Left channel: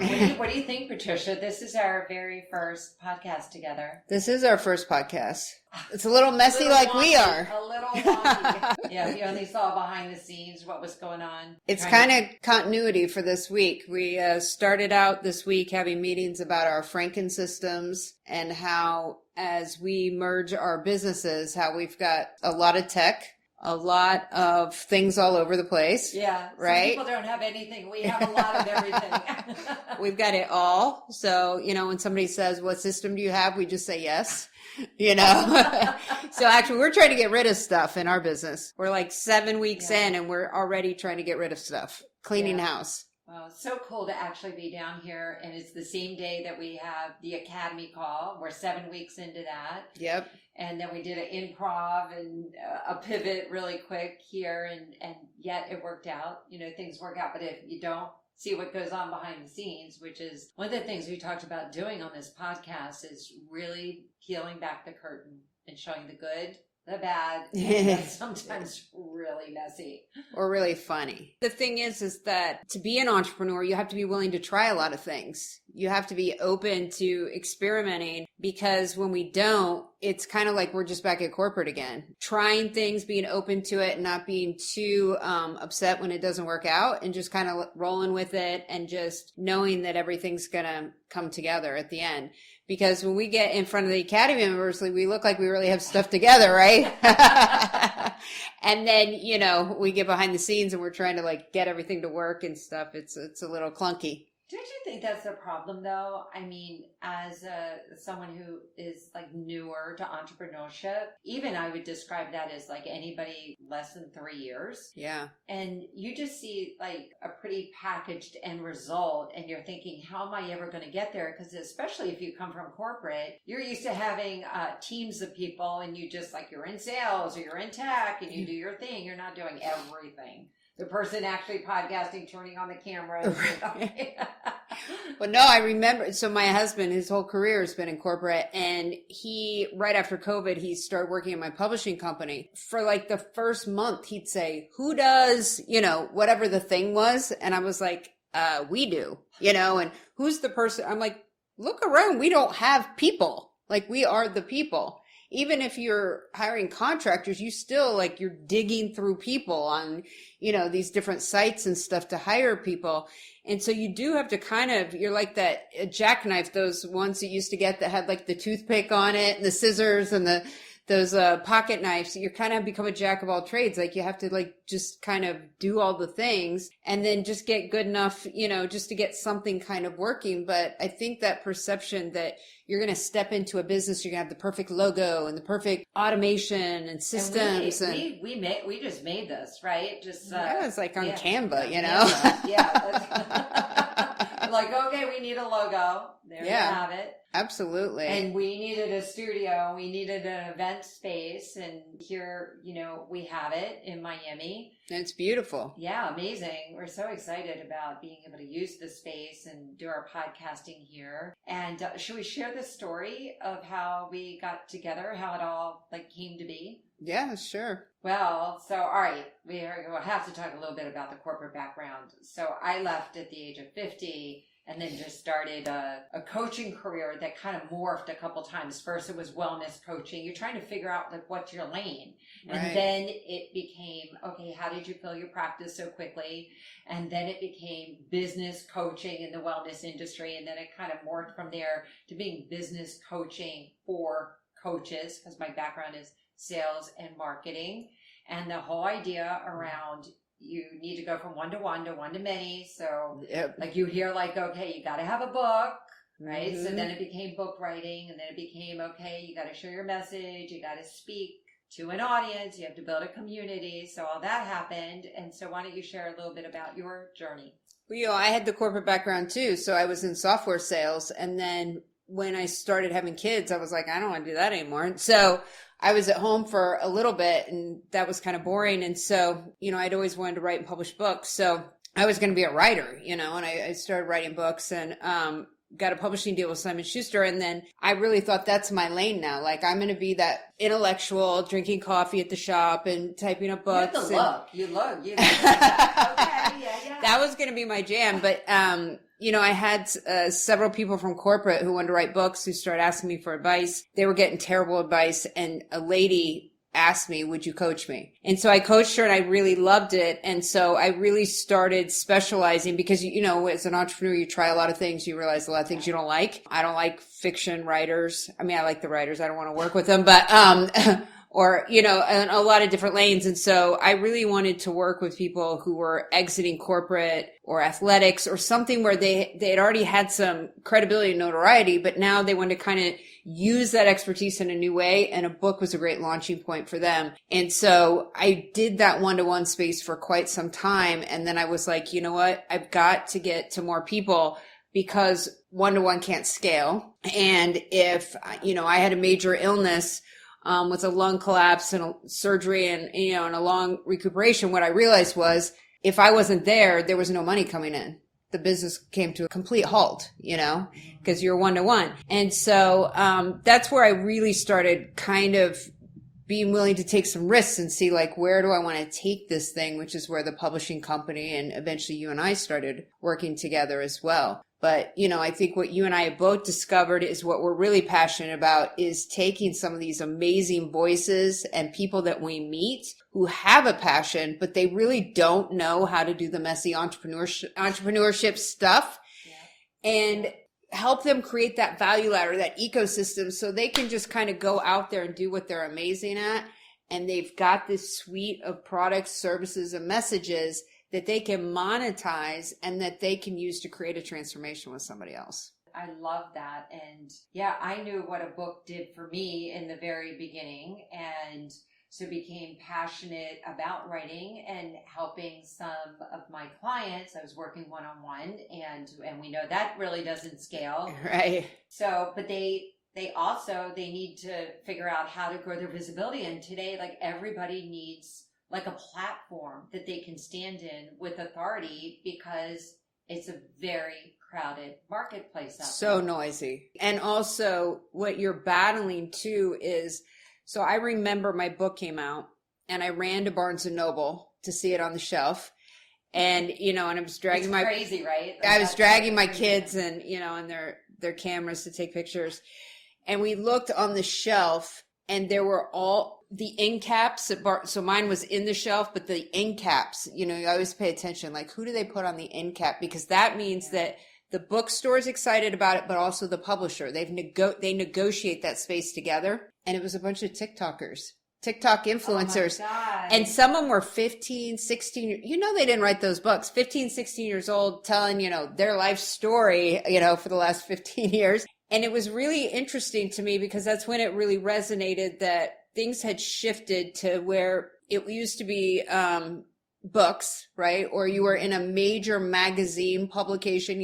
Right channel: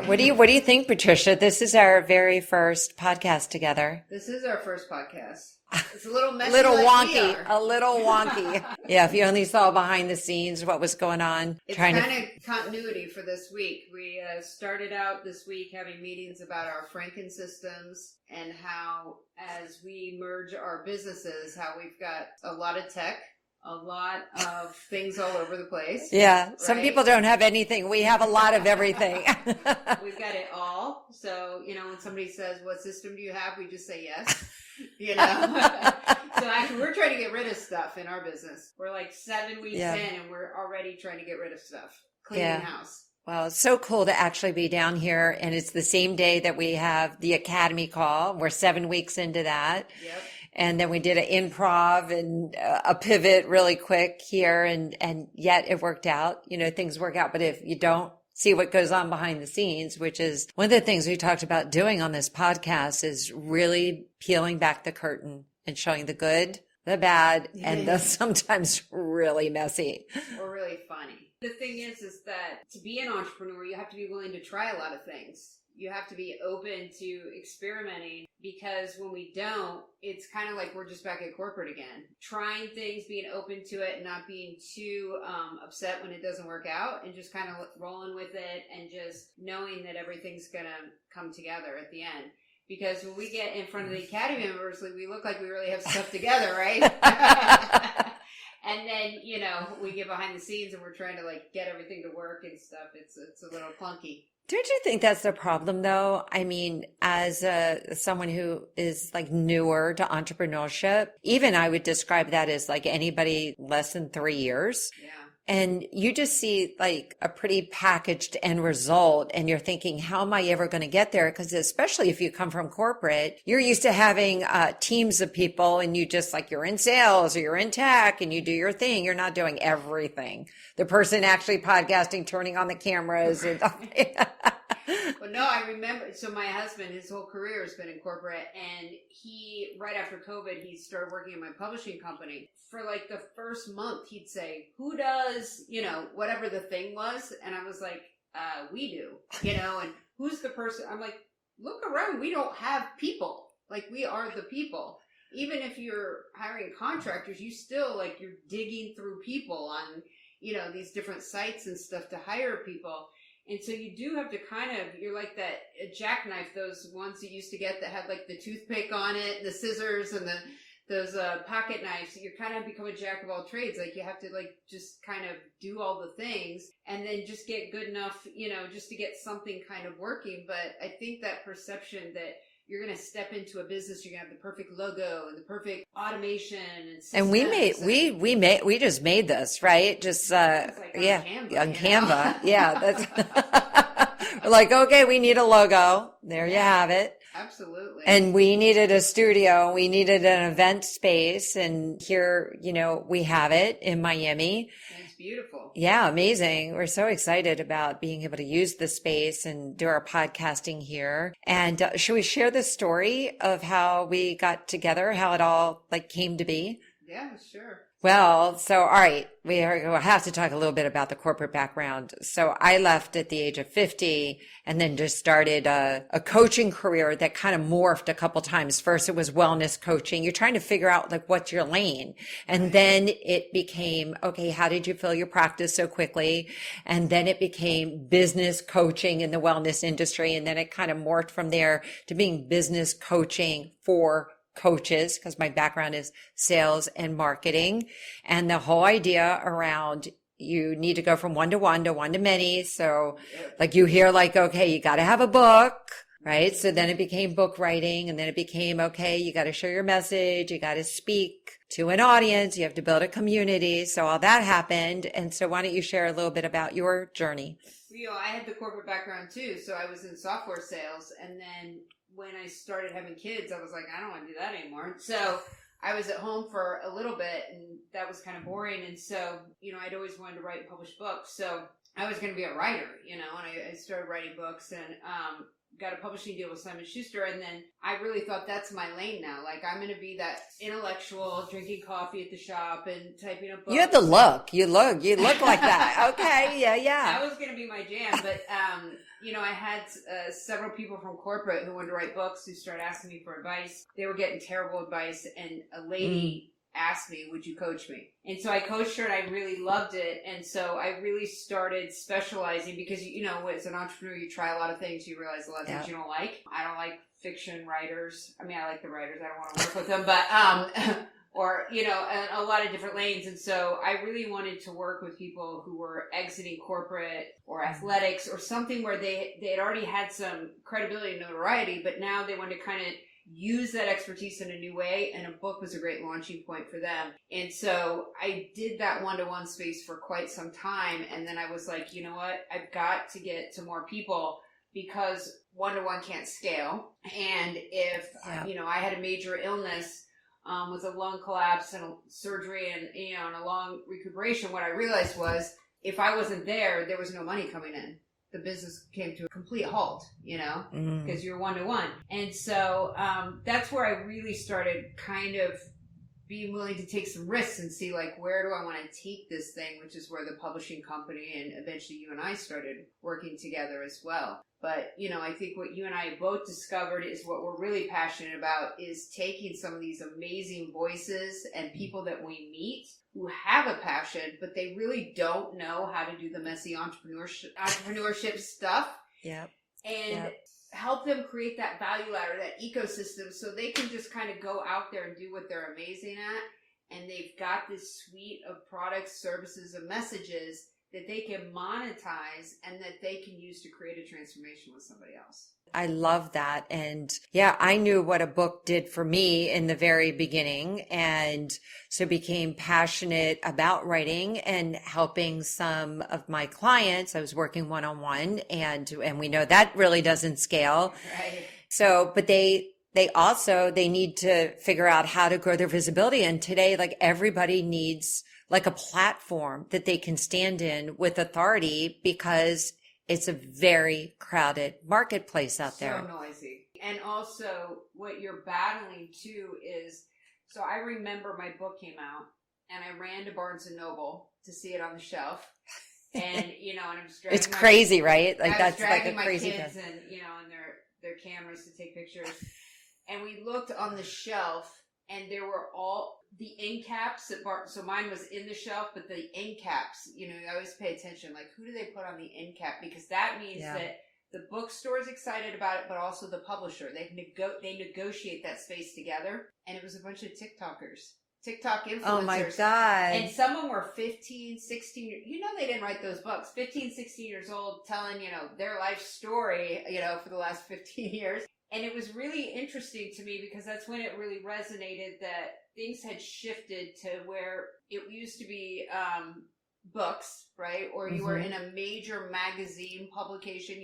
right, what do you think, Patricia? This is our very first podcast together. This is our first podcast. It's a little messy Little like wonky, we are. a little wonky. Yeah, if you only saw behind the scenes what was going on. It's kind of continuity for this week. We started out this week having meetings about our Franken systems and how, as we merge our businesses, how we've got a lot of tech, a lot of things all over the place. Yeah, right? Some people don't have anything. We have a lot of everything. We've got it all. So, when somebody says, what system do you have? We just say yes. So actually we're trying to get rid of stuff in our business. We're like 7 weeks in and we're already trying to get rid of stuff, cleaning house. Well, it's so cool to actually be down here, and it's the same day that we have the Academy call. We're 7 weeks into that. Yep. And then we did an improv and a pivot really quick here, and yet it worked out. Things work out, but if you don't see what goes on behind the scenes, which is one of the things we talked about doing on this podcast, is really peeling back the curtain and showing the good, the bad, and the sometimes really messy. Or really funny. The thing is that to be an entrepreneur, you have to be willing to try a lot of things. You have to be open to experimenting, because when we don't, it's kind of like we're just back at corporate again. Trying things, being open to it, and not being too upset when it doesn't work out, and just kind of rolling with it and just knowing that everything's going to come together at the end. Because when we get in front of the Academy members, we look like we really have stuff together, right? And then, we get behind the scenes and we're trying to get everything to work and stuff. It's a little clunky. Don't you think that's the problem, though? I mean, as someone who is newer to entrepreneurship, even I would describe that as anybody less than 3 years. Yeah. And you just see a pretty packaged end result, and you're thinking, how am I ever going to get there? Because especially if you come from corporate, you're used to having teams of people, and you just you're in sales or you're in tech and you do your thing. You're not doing everything. The person actually podcasting, turning on the cameras. Well, no, I remember. So my husband, his whole career has been in corporate, and right after COVID, he started working in my publishing company. For the first month, he'd say, who does, whatever the thing was? And I was like, we do, and who's the person? I'm like, look around. We don't have people. We are the people. Even if you're hiring contractors, you still you're digging through people on, these different sites and stuff to hire people. And so you do have to you're like that jackknife, those ones you used to get that had the toothpick on it and the scissors and those pocket knives. You kind of become a jack of all trades. You have to just kind of do all the things and then just get good enough, just to get something kind of working. But I think that perception that you're going to step into a business, you're going to have the perfect logo and the perfect automation and systems. And we just made this, right? Just it's on Canva, on Canva. Yeah, that's we're okay, we need a logo. There you have it. Absolutely. And we needed a studio. We needed an event space. And here, we have it in Miami. And it's beautiful. Yeah, amazing. We're so excited about being able to use the space and do our podcasting here. And should we share the story of how we got together, how it all came to be? Yeah, sure. Well, so, all right, we'll have to talk a little bit about the corporate background. So I left at the age of 50 and then just started a coaching career that kind of morphed a couple times. First, it was wellness coaching. You're trying to figure out what's your lane. And then it became, okay, how did you fill your practice so quickly? And then it became business coaching in the wellness industry. And then it kind of morphed from there to being business coaching for coaches, because my background is sales and marketing, and the whole idea around you need to go from one to one to one to many. So you hear okay, you got to have a book, right? Mm-hmm. So then it became book writing, and then it became, okay, you got to share your message. You got to speak to an audience. You have to build a community. So all that happened. And so why don't you share a little bit about your journey? Well, I had the corporate background too. So I was in software sales, and then when I started having kids, I was like, I don't want to do that anymore. So I was at home for a little bit, and that was kind of boring. And so, I'd always wanted to write and publish books. So I was going to be a writer, and I started writing books and got a publishing deal with Simon Schuster. And then I really thought that's my lane now. I'm going to be that intellectual drinking coffee at the shop and typing up books. You had the look. You look like that. Okay. Yeah. That was going to be my jam. But, I had several people from corporate who wanted to write books who started asking me for advice. They were getting terrible advice. And a lady asked me, would you coach me? And so I coached her and I really loved it. And so I really started specializing because, as an entrepreneur, you try a lot of things. You realize a lot of things you don't like. I don't like fiction writers. I mean, I like the writers. I don't want to work with them, but, or, in a lot of different lanes. And so I really wanted to work with people who were exiting corporate or athletics or something where they had already had some credibility and notoriety, but now they wanted to kind of use that expertise in a new way. And a book was a great launching point for them. And so I did that one-to-one space for quite some time. And then I was like, you know what? I've got to get to more people because one-to-one can't scale. And if, I had a major illness, with a lung collapse and a surgery and, and a long recuperation, what I realized was if I wasn't there, there was no money coming in. The business came to a complete halt, because you're one-to-one. And so that's where I really started kind of being willing to take some risks and see like, where do I want to take this thing, which is where the publishing company and eventually you and I started working together as well. But, I think what you and I have both discovered is what we're really passionate about is taking some of these amazing voices and people that we meet who have a passion, but they really don't know how to do the messy entrepreneurship stuff. Yeah. And help them create that value ladder, that ecosystem, so they can just kind of go out there and do what they're amazing at. And they've got this suite of products, services, and messages that they can monetize and that they can use to create a transformation with somebody else. I love that. And I knew what a book did for me in the very beginning. And so became passionate about writing and helping some of my clients. I was working one-on-one and we know that really doesn't scale. Right. So, but they need to figure out how to grow their visibility. And today, like everybody needs like a platform that they can stand in with authority because it's a very crowded marketplace out there. So noisy. And also what you're battling too is, so I remember my book came out and I ran to Barnes and Noble to see it on the shelf. And, and I was dragging it's crazy, right? Like I was dragging my craziness. kids and their cameras to take pictures. And we looked on the shelf and there were all the end caps so mine was in the shelf, but the end caps, you always pay attention, like who do they put on the end cap? Because that means that the bookstore is excited about it, but also the publisher. They negotiate that space together. And it was a bunch of TikTok influencers. Oh my God. And some of them were 15, 16, they didn't write those books, 15, 16 years old, telling, their life story, for the last 15 years. And it was really interesting to me because that's when it really resonated that things had shifted to where it used to be books, right? Or you were in a major magazine publication,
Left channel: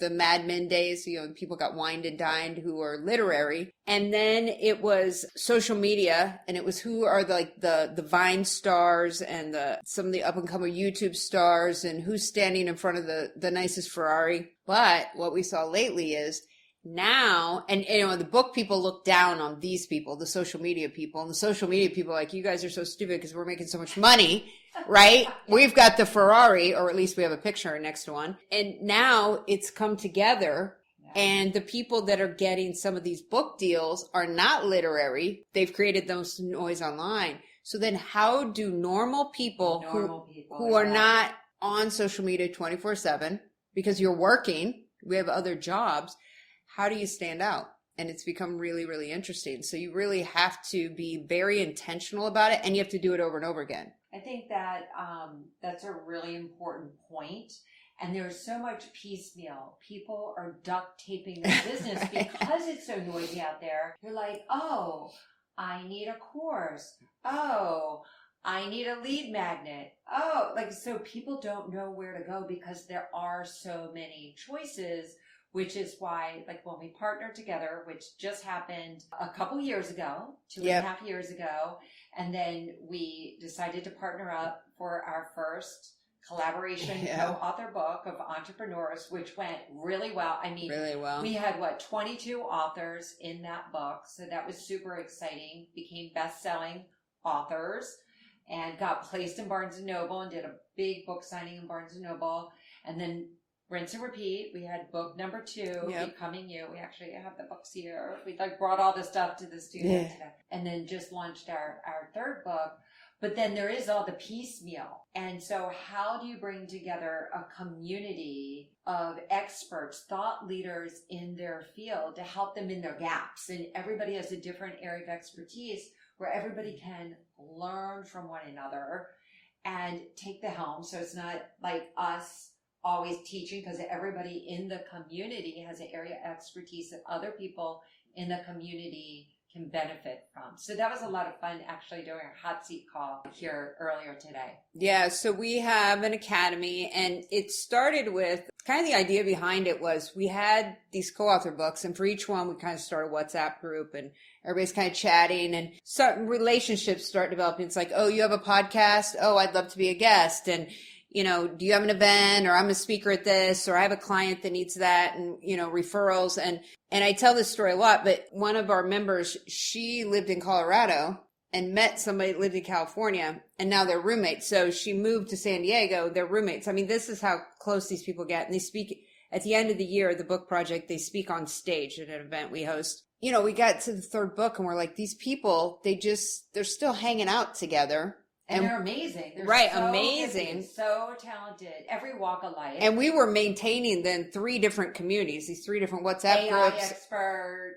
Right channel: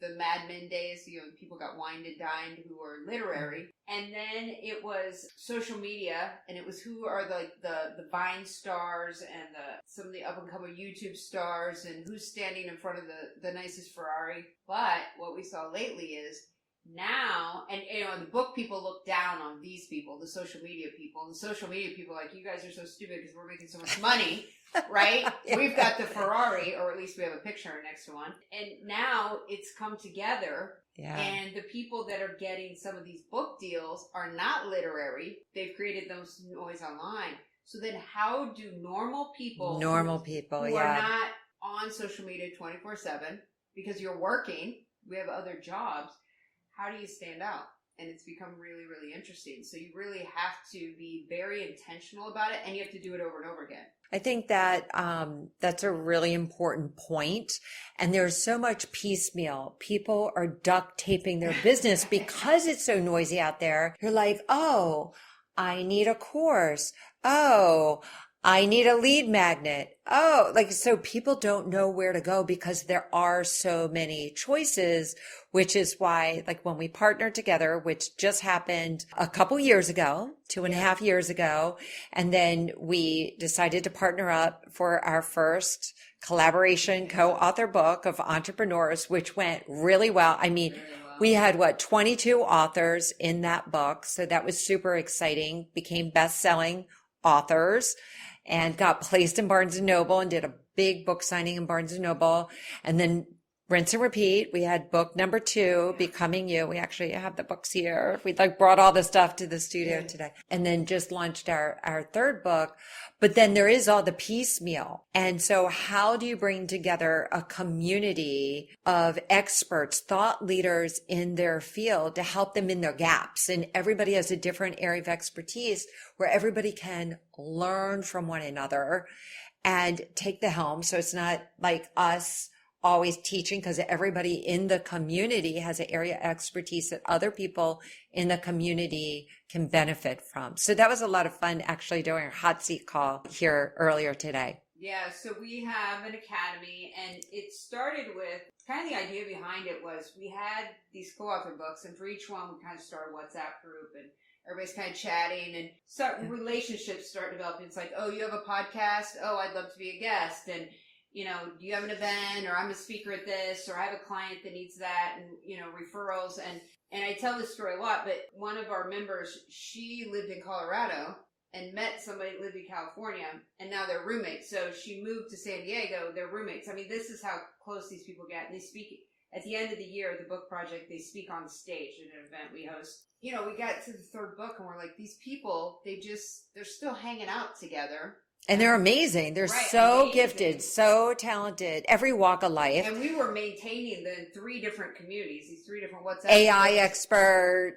the Mad Men days, people got wined and dined who were literary. And then it was social media, and it was who are the Vine stars and some of the up and coming YouTube stars and who's standing in front of the nicest Ferrari. But what we saw lately is now, and the book people look down on these people, the social media people, and the social media people are like, you guys are so stupid because we're making so much money, right? We've got the Ferrari, or at least we have a picture next to one. And now it's come together. Yeah. And the people that are getting some of these book deals are not literary. They've created those noise online. So then how do normal people who are not on social media 24/7 because you're working, we have other jobs, how do you stand out? And it's become really, really interesting. So you really have to be very intentional about it, and you have to do it over and over again. I think that that's a really important point. And there's so much piecemeal. People are duct taping their business because it's so noisy out there. You're like, oh, I need a course. Oh, I need a lead magnet. Oh, so people don't know where to go because there are so many choices, which is why, when we partnered together, which just happened a couple years ago, 2.5 years ago, and then we decided to partner up for our first collaboration co-author book of Entrepreneurs, which went really well. I mean, we had 22 authors in that book. So that was super exciting, became best-selling authors and got placed in Barnes and Noble and did a big book signing in Barnes and Noble, and then rinse and repeat. We had book number 2, Becoming You. We actually have the books here. We like brought all the stuff to the studio today, and then just launched our third book. But then there is all the piecemeal. And so how do you bring together a community of experts, thought leaders in their field to help them in their gaps? And everybody has a different area of expertise where everybody can learn from one another and take the helm. So it's not like us always teaching, because everybody in the community has an area of expertise that other people in the community can benefit from. So that was a lot of fun actually doing a hot seat call here earlier today. Yeah, so we have an academy, and it started with kind of the idea behind it was we had these co-author books, and for each one we kind of started a WhatsApp group, and everybody's kind of chatting, and certain relationships start developing. It's like, oh, you have a podcast? Oh, I'd love to be a guest. And do you have an event, or I'm a speaker at this, or I have a client that needs that, and, referrals. And I tell this story a lot, but one of our members, she lived in Colorado and met somebody that lived in California, and now they're roommates. So she moved to San Diego, they're roommates. I mean, this is how close these people get. And they speak at the end of the year, the book project, they speak on stage at an event we host. We got to the third book and we're like, these people, they're still hanging out together. And they're amazing. They're so gifted, so talented, every walk of life. And we were maintaining then 3 different communities, these 3 different WhatsApp AI groups. expert,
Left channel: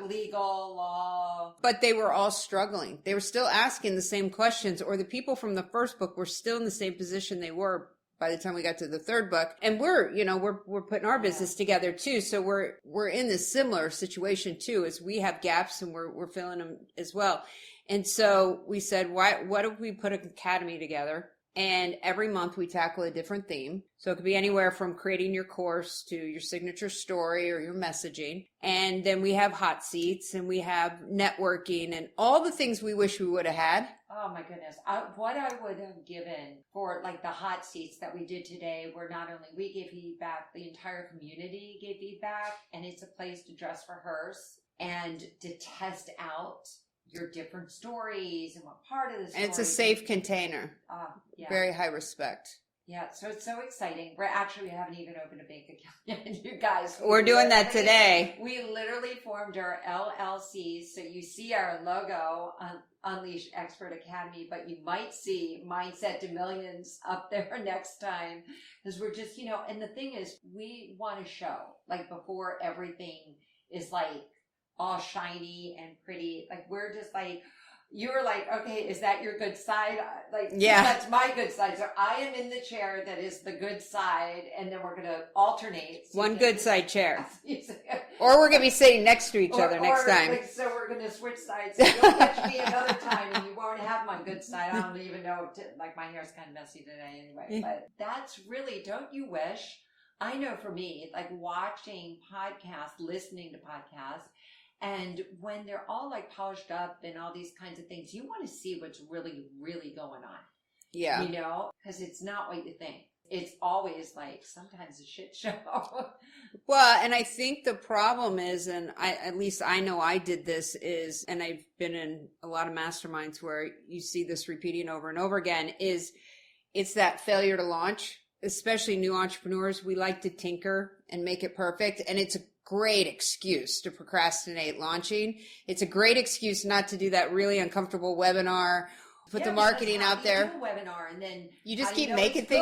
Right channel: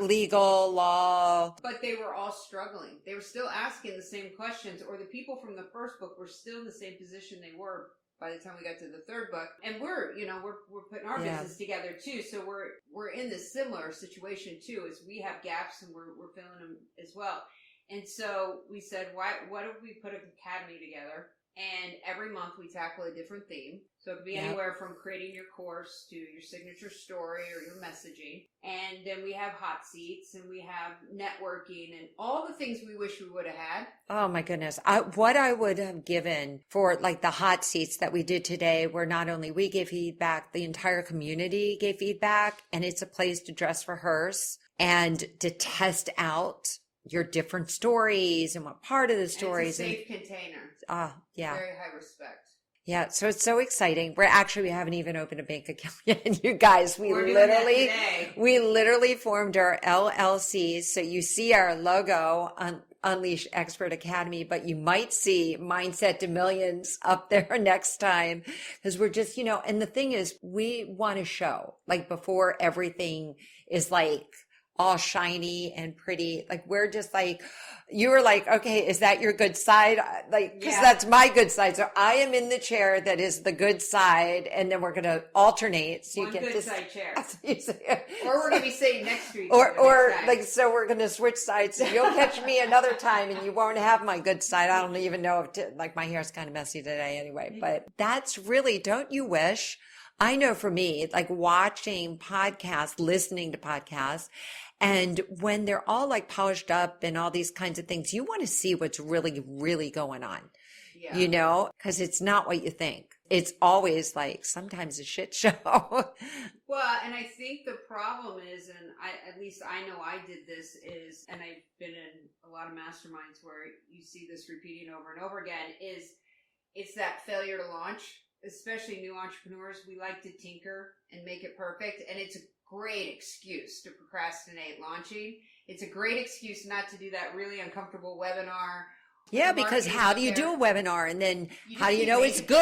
legal, law. But they were all struggling. They were still asking the same questions, or the people from the first book were still in the same position they were by the time we got to the third book. And we're putting our business together too. So we're in this similar situation too, as we have gaps and we're filling them as well. And so we said, what if we put an academy together? And every month we tackle a different theme. So it could be anywhere from creating your course to your signature story or your messaging. And then we have hot seats, and we have networking and all the things we wish we would have had. Oh my goodness. What I would have given for like the hot seats that we did today, where not only we gave feedback, the entire community gave feedback, and it's a place to dress rehearse and to test out your different stories and what part of the story. And it's a safe container. Yeah. Very high respect. Yeah. So it's so exciting. We haven't even opened a bank account yet. You guys, we're doing that today. We literally formed our LLCs. So you see our logo on Unleash Expert Academy, but you might see Mindset to Millions up there next time, because we're just, and the thing is, we want to show, like, before everything is like all shiny and pretty, like, we're just like, you were like, okay, is that your good side? Like, yeah, that's my good side. So I am in the chair that is the good side, and then we're going to alternate. So one good side chair. Or we're going to be sitting next to each other next time. Like, so we're going to switch sides. So you'll catch me another time, and you won't have my good side. I don't even know if, my hair's kind of messy today anyway. But that's really, don't you wish? I know for me, like, watching podcasts, listening to podcasts, and when they're all like polished up and all these kinds of things, you want to see what's really, really going on. Yeah. Because it's not what you think. It's always like sometimes a shit show. Well, and I think the problem is, and at least I know I did this, and I've been in a lot of masterminds where you see this repeating over and over again, it's that failure to launch. Especially new entrepreneurs, we like to tinker and make it perfect. And it's a great excuse to procrastinate launching. It's a great excuse not to do that really uncomfortable webinar. Yeah, because how do you do a webinar, and then how do you know it's good?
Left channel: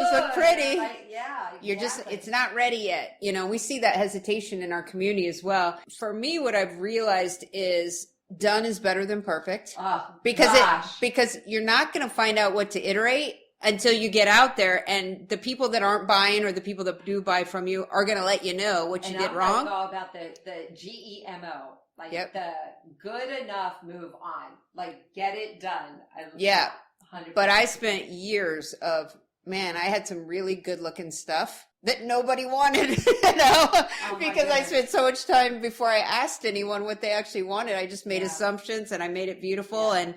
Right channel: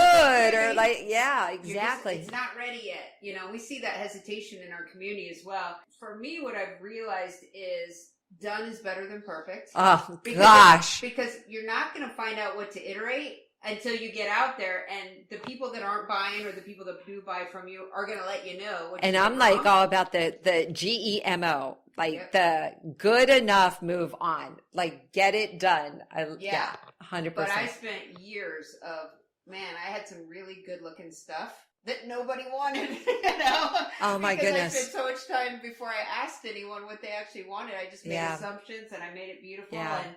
Exactly. It's not ready yet. We see that hesitation in our community as well. For me, what I've realized is done is better than perfect. Oh, because you're not going to find out what to iterate until you get out there, and the people that aren't buying or the people that do buy from you are going to let you know what you did wrong. And I'm like all about the GEMO, like the good enough, move on, like get it done. 100%. But I spent years of, I had some really good looking stuff that nobody wanted, Oh my because goodness. I spent so much time before I asked anyone what they actually wanted. I just made assumptions, and I made it beautiful, and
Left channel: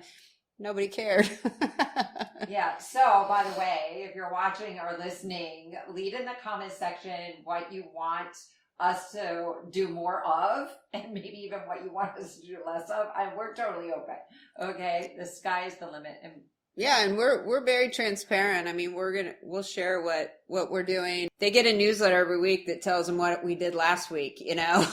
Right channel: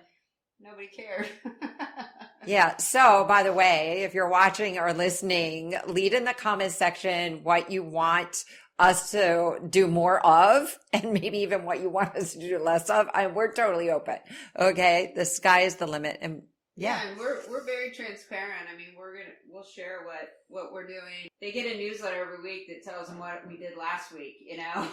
nobody cared. Yeah. So, by the way, if you're watching or listening, leave in the comments section what you want us to do more of, and maybe even what you want us to do less of. We're totally open. Okay. The sky is the limit. And Yeah, and we're very transparent. I mean, we'll share what we're doing. They get a newsletter every week that tells them what we did last week,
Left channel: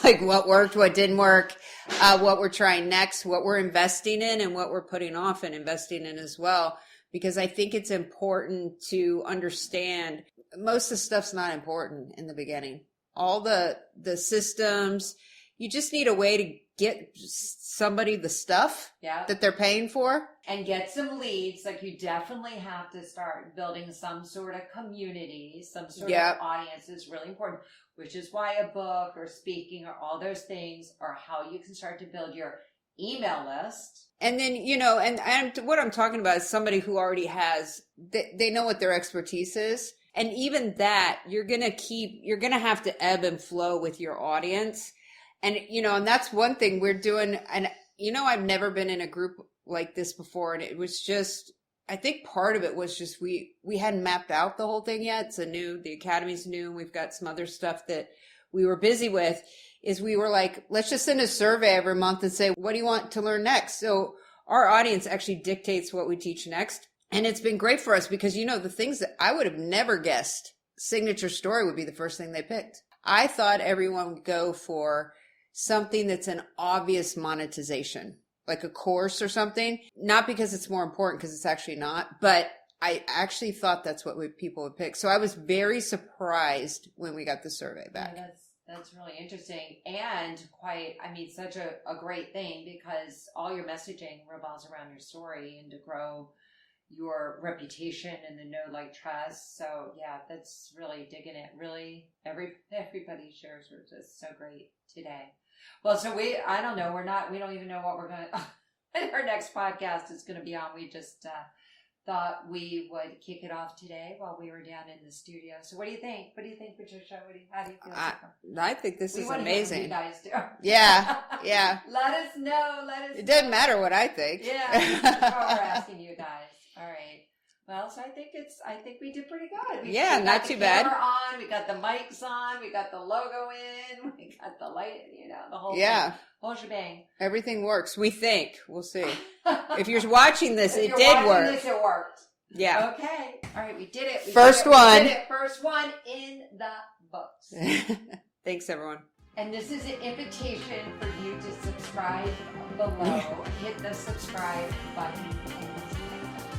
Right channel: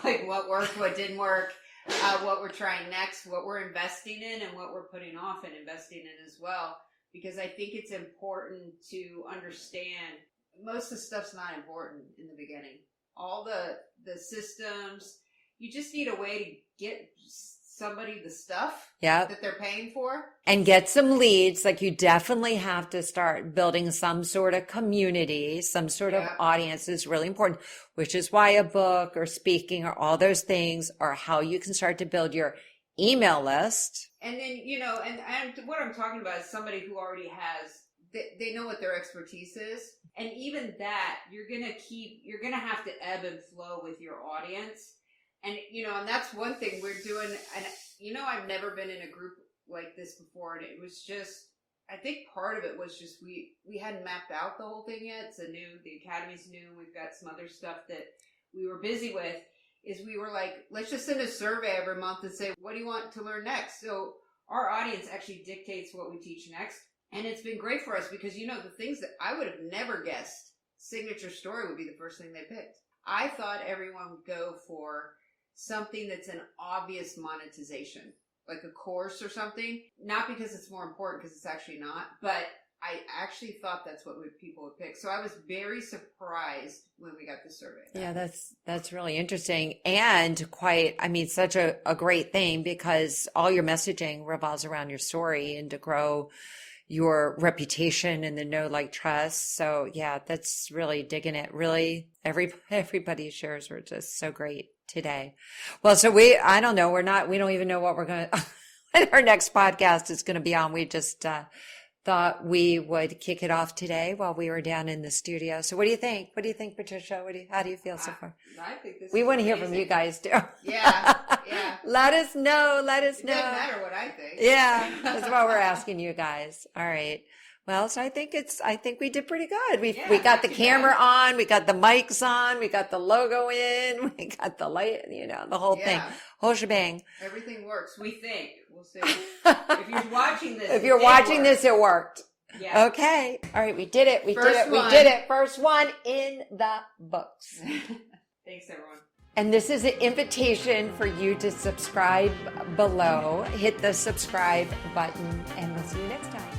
like what worked, what didn't work, what we're trying next, what we're investing in, and what we're putting off and investing in as well. Because I think it's important to understand most of the stuff's not important in the beginning. All the systems, you just need a way to get somebody the stuff that they're paying for. And get some leads. Like, you definitely have to start building some sort of community, some sort of audience is really important, which is why a book or speaking or all those things are how you can start to build your email list. And then, and what I'm talking about is somebody who already has, they know what their expertise is. And even that, you're going to have to ebb and flow with your audience. And, and that's one thing we're doing. And, I've never been in a group like this before. And it was just, I think part of it was just, we hadn't mapped out the whole thing yet. It's the Academy's new, and we've got some other stuff that we were busy with, is we were like, let's just send a survey every month and say, what do you want to learn next? So our audience actually dictates what we teach next. And it's been great for us because, the things that I would have never guessed, signature story would be the first thing they picked. I thought everyone would go for something that's an obvious monetization, like a course or something, not because it's more important, because it's actually not, but I actually thought that's what people would pick. So I was very surprised when we got the survey back. Yeah, that's really interesting, and such a great thing, because all your messaging revolves around your story and to grow your reputation and the know, like, trust. So yeah, that's really digging it. Really, everybody's shares were just so great today. Well, so I don't know, we don't even know what we're going to, our next podcast is going to be on. We just thought we would kick it off today while we were down in the studio. So what do you think? What do you think, Patricia? How do you feel so far? I think this is We want to hear amazing. from you guys too. Yeah. Let us know. It doesn't matter what I think. Yeah, that's what we're asking you guys. All right. Well, so I think we did pretty good. We got the camera on, we got the mics on, we got the logo in, we got the light, the whole thing, whole shebang. Everything works. We think. We'll see. If you're watching this, it worked. Yeah. Okay. All right. We did it. First one. We did it. First one in the books. Thanks, everyone. And this is an invitation for you to subscribe below. Hit the subscribe button, and we'll see you next time.